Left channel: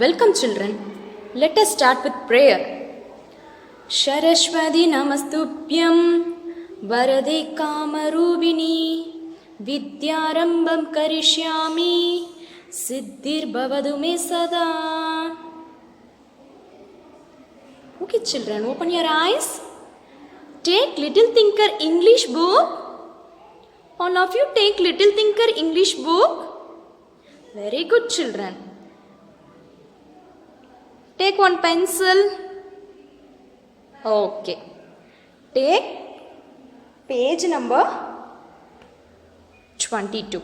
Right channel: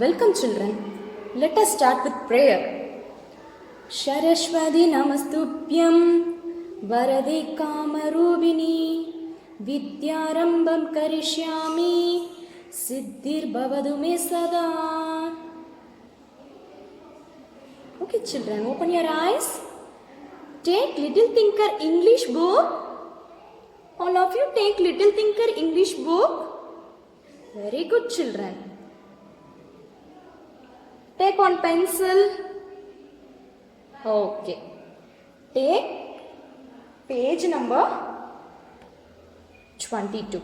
Welcome children. Let us start with prayer. Saraswati namastubhyam varade kamarubini vidyarambam karishyami siddhir bhavadu me sada. Okay children, open your eyes. Take Little Thinker English book. All of you take Little Thinker English book. Very good children. Take one pencil. Okay. Take page number 22.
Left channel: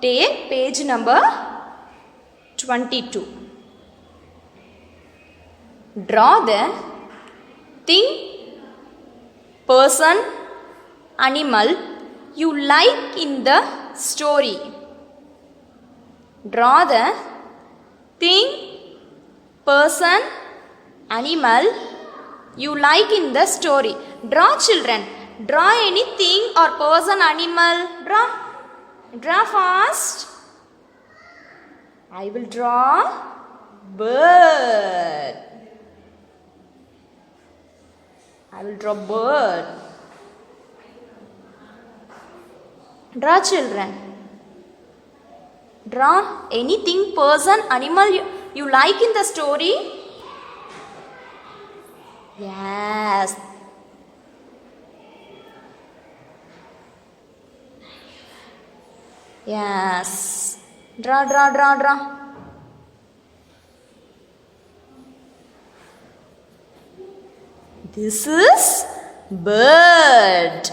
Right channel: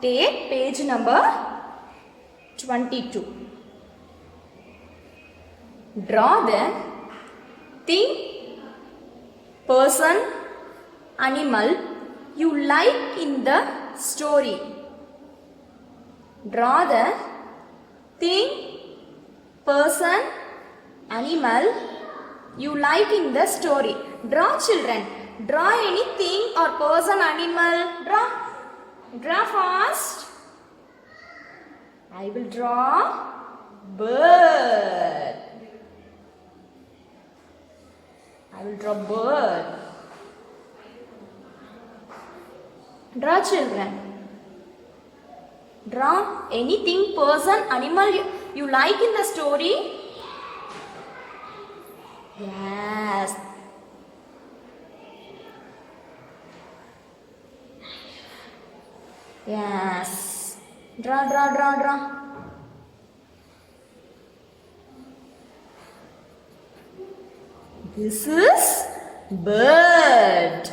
Take page number 22. Draw the thing, person, animal you like in the story. Draw the thing, person, animal you like in the story. Draw children. Draw anything or person, animal. Draw. Draw fast. I will draw bird. I will draw bird. Draw children. Draw anything, person, animal you like in the story. Yes. Yes. Draw, draw, draw, draw. This is bird.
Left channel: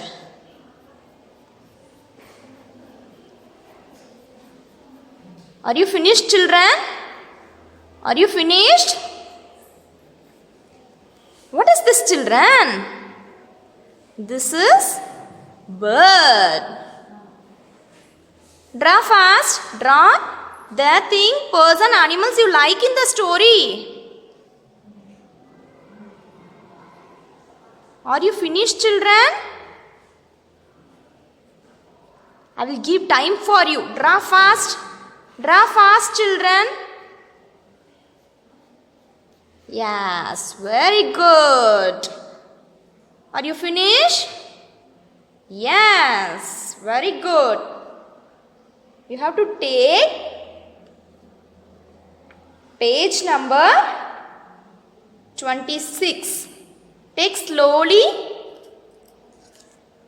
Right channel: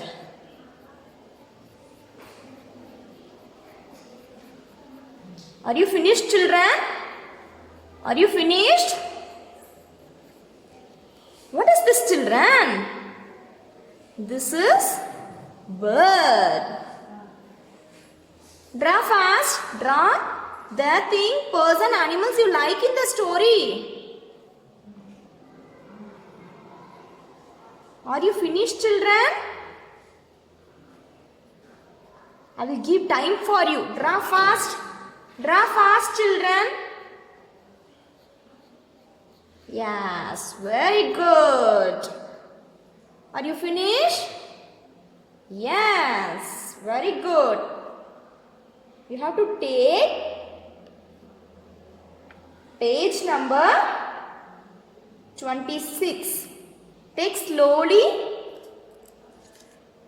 Are you finished children? Are you finished? What is this children? This is bird. Draw fast. Draw the thing, person, animals you like in the story. Are you finished children? I will give time for you. Draw fast. Draw fast children. Yes, very good. Are you finished? Yes, very good. You have to take page number 26. Take slowly.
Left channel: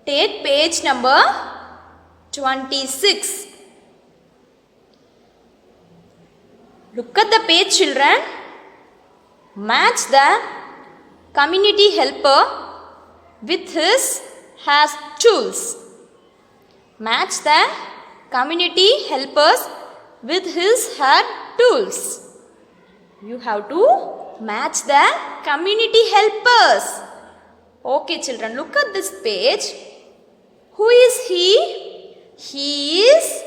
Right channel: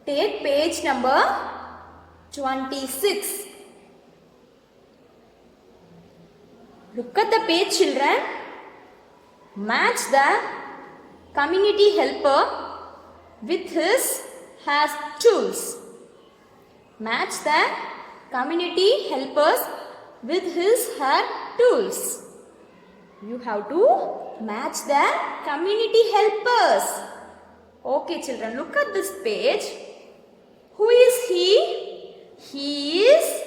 Take page number 26. Look at the page children. Match the community helper with his has tools. Match the community helpers with his her tools. You have to match the community helpers. Okay children, look at this page. Who is he? He is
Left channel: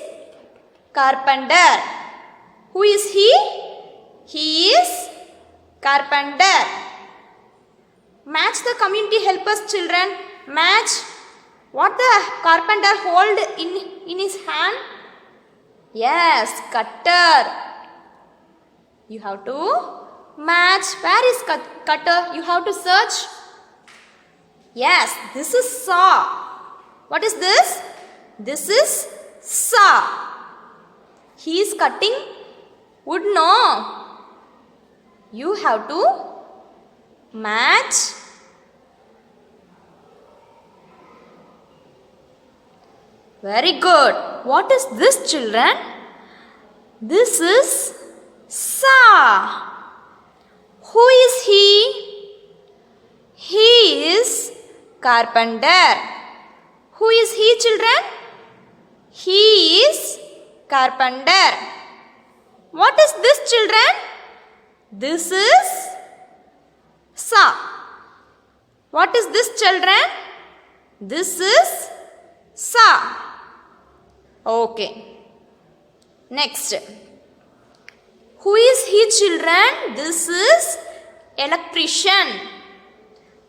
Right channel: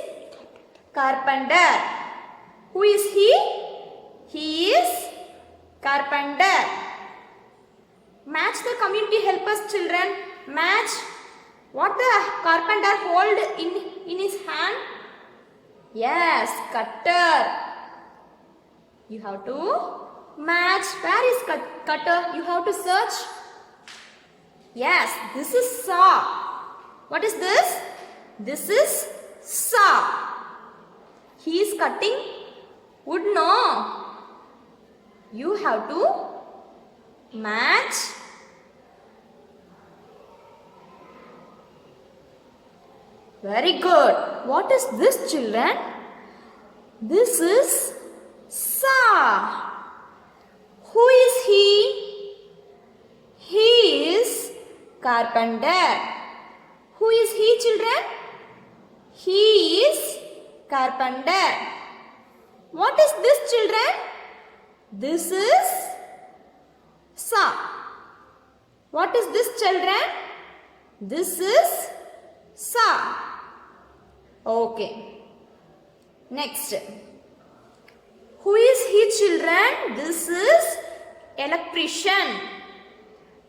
carpenter. Who is he? He is carpenter. Match the community helpers children. Match what the carpenter hold in his hand. Yes, cutter. You have to match. Where is cutter? You have to search. Yes, this is saw. What is this? This is saw. He is cutting wood, no. You have to match. Very good. What is this children? This is saw. Who is he? He is carpenter. Who is he children? He is carpenter. What is this children? This is saw. What is this children? This is saw. Okay. Next. Who is he children? This is electrician.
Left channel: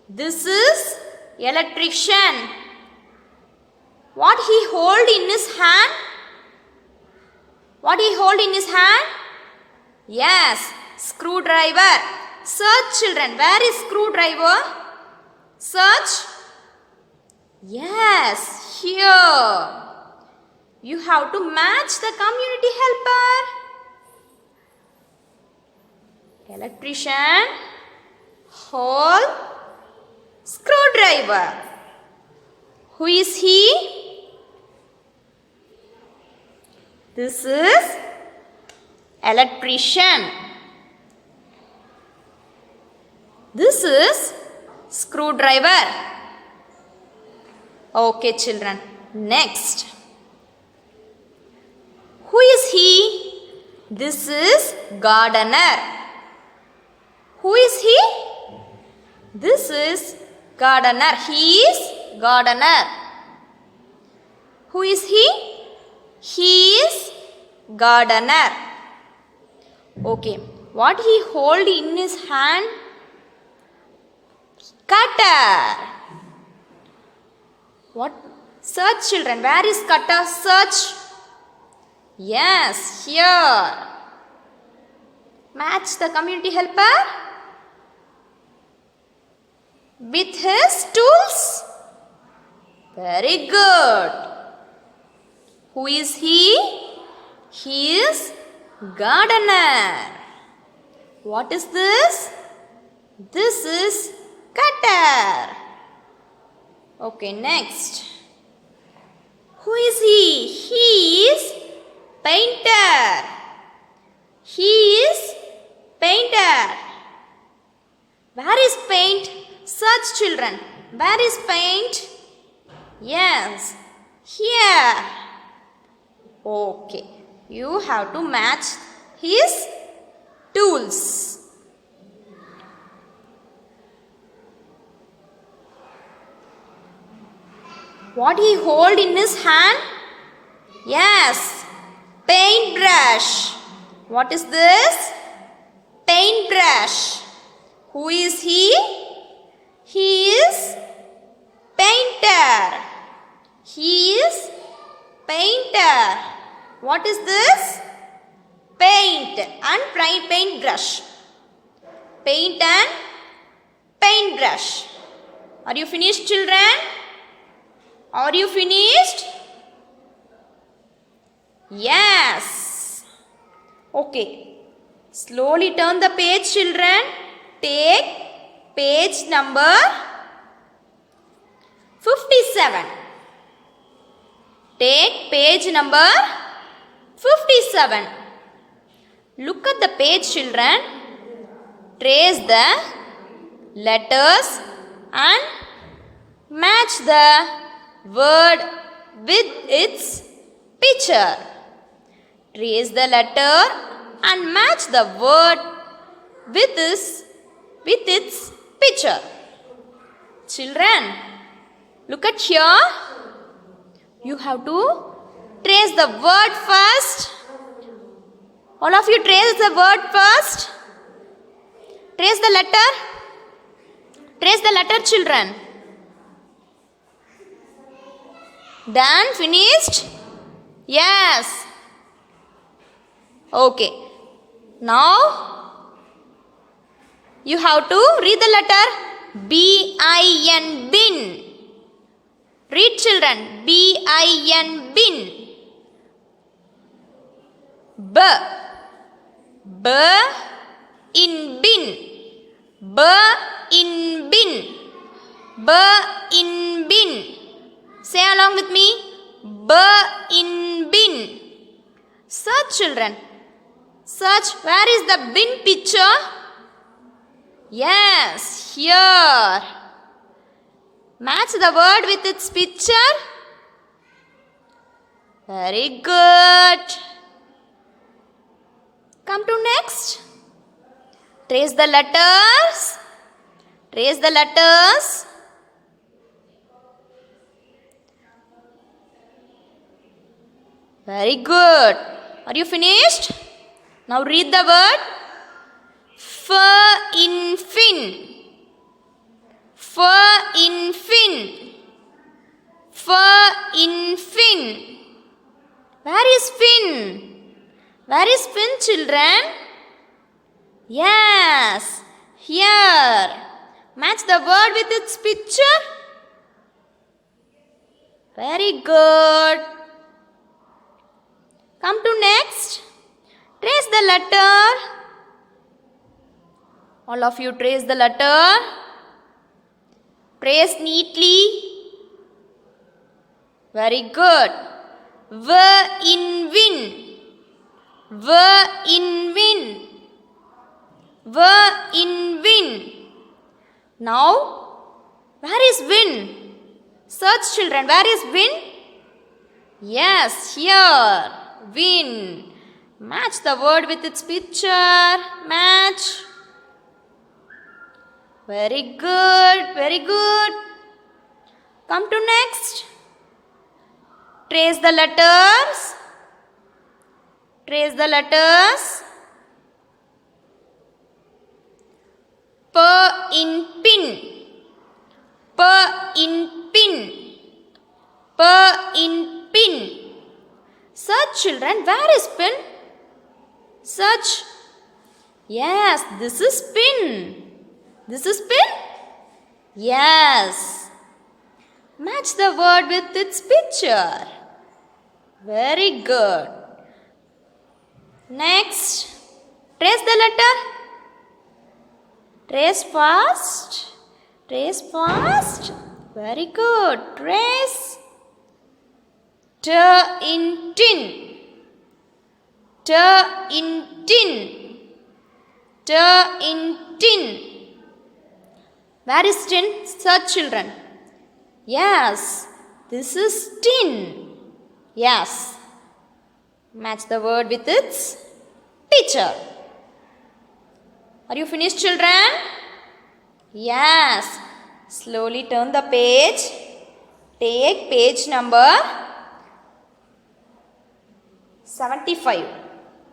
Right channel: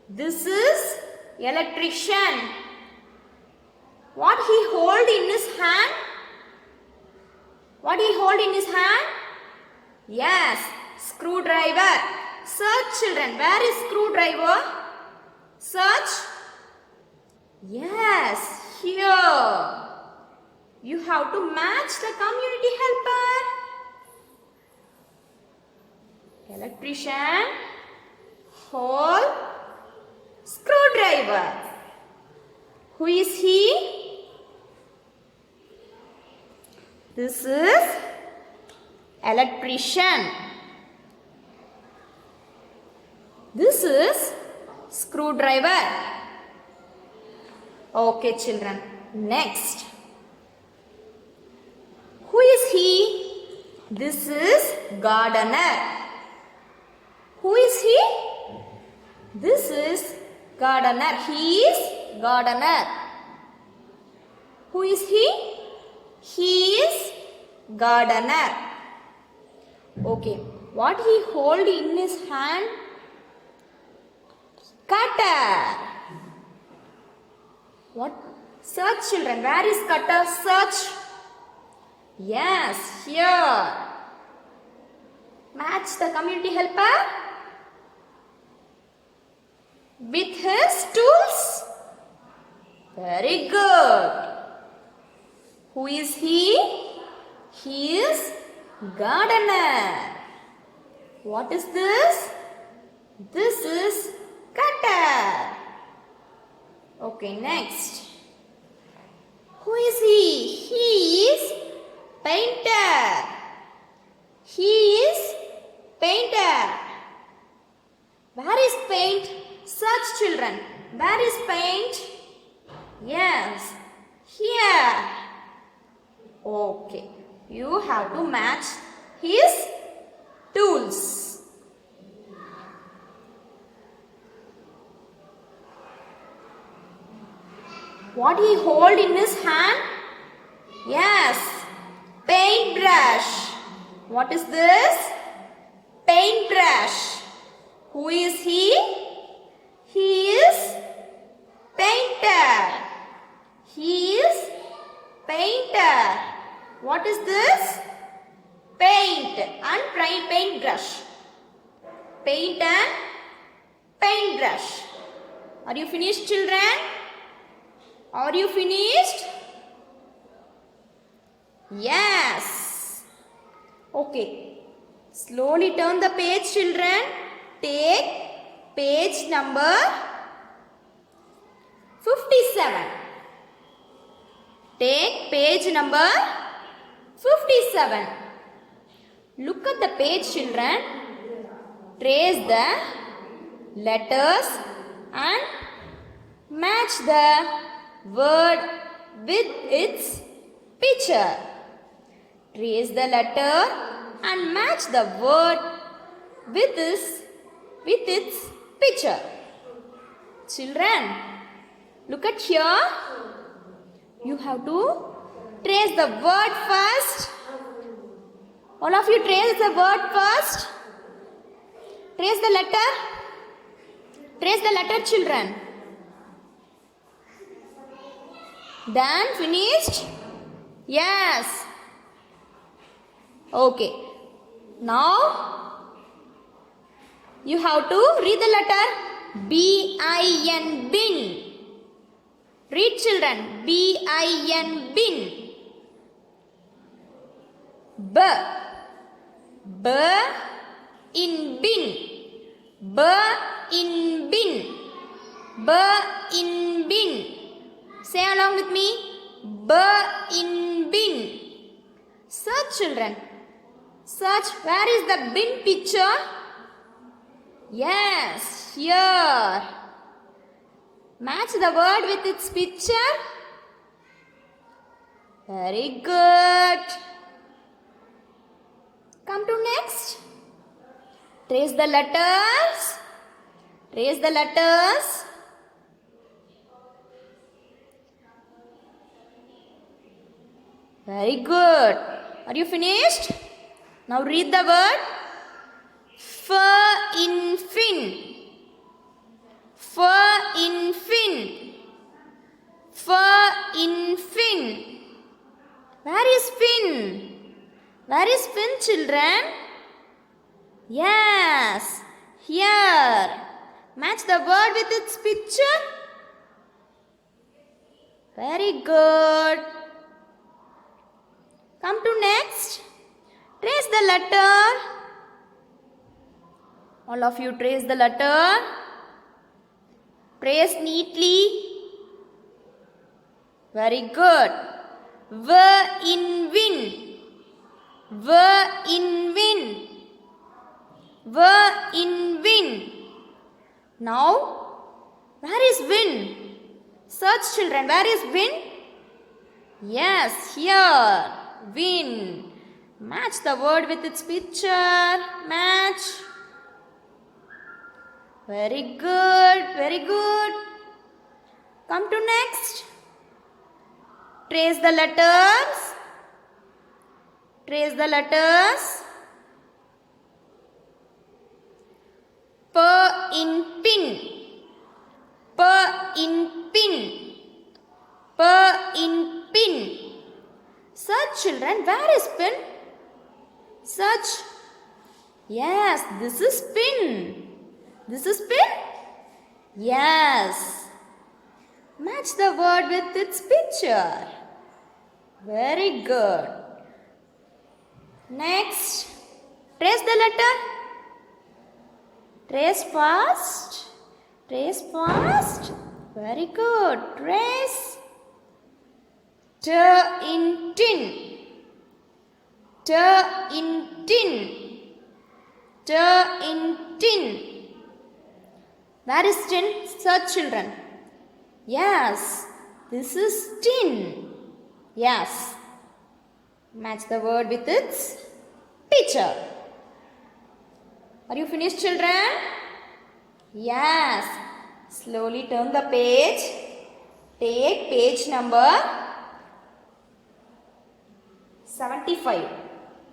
This is electrician. What he hold in his hand? What he hold in his hand? Yes, screwdriver. Search children. Where is screwdriver? Search. Yes, here. You have to match the community helper. Electrician, hole, screwdriver. Who is he? This is electrician. This is screwdriver. Okay, children. Next. Who is he? This is gardener. Who is he? This is gardener. He is gardener. Who is he? He is gardener. Okay. What he hold in his hand? Cutter. What? Search children. Where is cutter? Search. Yes, here. Match the community helper with his tools. Very good. Who is he? He is gardener. What is this? This is cutter. Okay, next. Who is he? He is painter. He is painter. Where is paint? Search children. Where is paint? Yes, here. Okay, you have to match his tools. What he hold in his hand? Yes, paintbrush. What is this? Paintbrush. Who is he? He is painter. He is painter. What is this? Paint and paintbrush. Paint and paintbrush. Are you finished, children? Are you finished? Yes. Okay. Slowly turn the page, children. Take page number 57. Take page number 57. Look at the page, children. Trace the letters and match the word with its picture. Trace the letter and match the word with its picture. Children, look at here. You have to trace the word first. All of you trace the word first. Trace the letter. Trace the letter, children. Done? Finished? Yes. Okay. Now, you have to read the letter B-I-N, bin. Read, children. B-I-N, bin. B. B in bin. B in bin. B in bin. Say along with me. B in bin. Search, children. Search. Where is the bin picture? Yes, here. Match the word with its picture. Very good. Come to next. Trace the letters. Trace the letters. Very good. Are you finished? Now read the word. F in fin. F in fin. F in fin. Where is fin? Where is fin, children? Yes, here. Match the word with its picture. Very good. Come to next. Trace the letter. All of you trace the letter. Trace neatly. Very good. V in win. V in win. V in win. Now, where is win? Search, children. Where is win? Yes, here. Win. Match the word with its picture. Match. Very good. Very good. Come to next. Trace the letters. Trace the letters. P in pin. P in pin. P in pin. Search, children. Where is pin? Search. Yes, this is pin. This is pin? Yes. Match the word with its picture. Very good. Next. Trace the letter. Trace fast. Trace fast. Very good. Trace. T in tin. T in tin. T in tin. Where is tin? Search, children. Yes, this is tin. Yes. Match the word with its picture. Are you finished, children? Yes. Slowly turn the page. Take page number 75.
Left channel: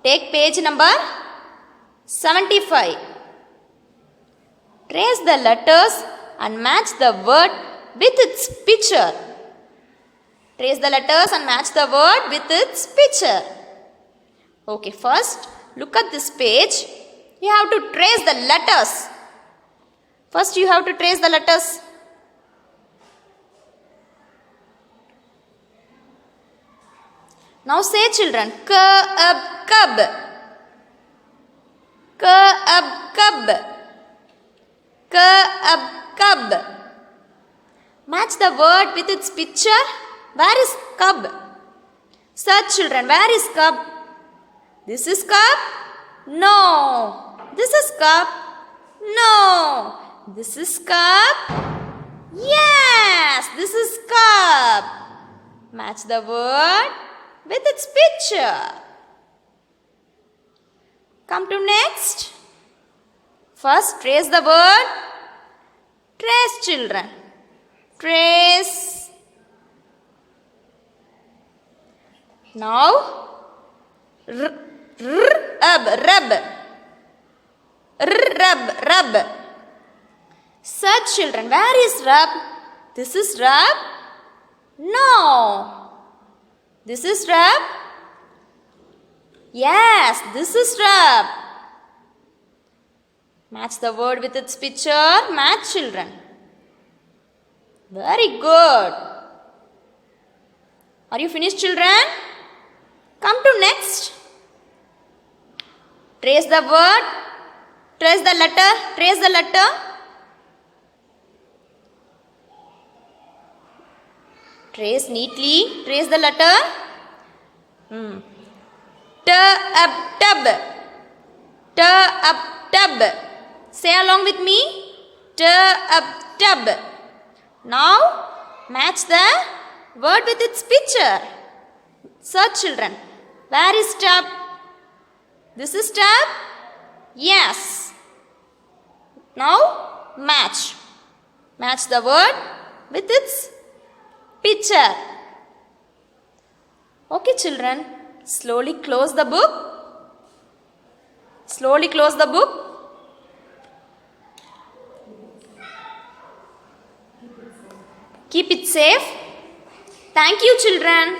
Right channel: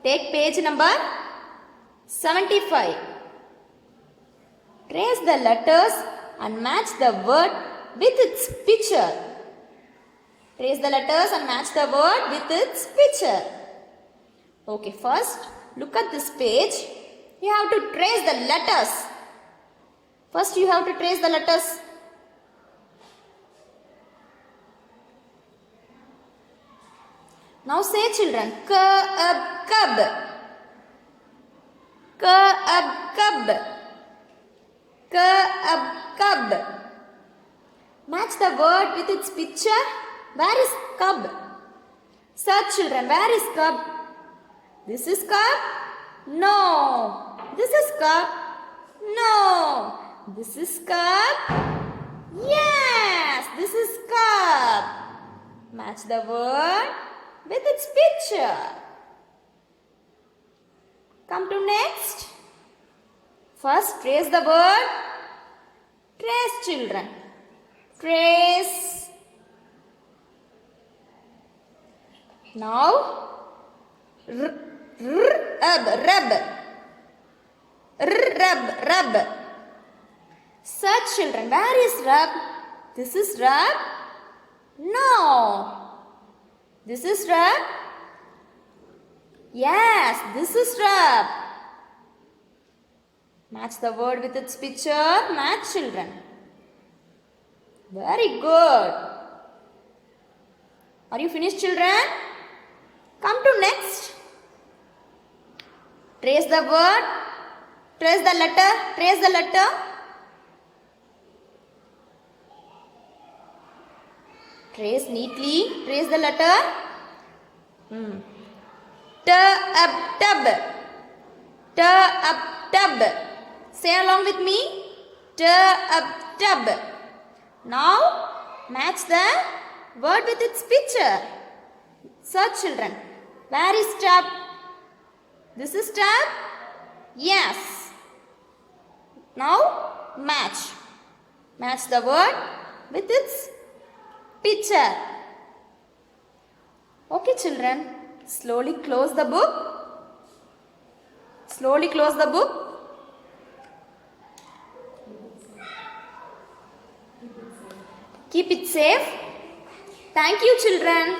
Take page number 75. Trace the letters and match the word with its picture. Trace the letters and match the word with its picture. Okay, first look at this page. You have to trace the letters. First you have to trace the letters. Now say, children, K-ab cub. K-ab cub. K-ab cub. Match the word with its picture. Where is cub? Search, children. Where is cub? This is cub? No. This is cub? No. This is cub? Yes. This is cub. Match the word with its picture. Come to next. First, trace the word. Trace, children. Trace. Now, rub. Rub. Search, children. Where is rub? This is rub? No. This is rub? Yes, this is rub. Match the word with its picture. Match, children. Very good. Are you finished, children? Come to next. Trace the word. Trace the letter. Trace the letter. Trace neatly. Trace the letter. Tub. Tub. Say along with me. Tub. Now match the word with its picture. Search, children. Where is tub? This is tub? Yes. Now match. Match the word with its picture. Okay, children. Slowly close the book. Slowly close the book. Keep it safe. Thank you, children.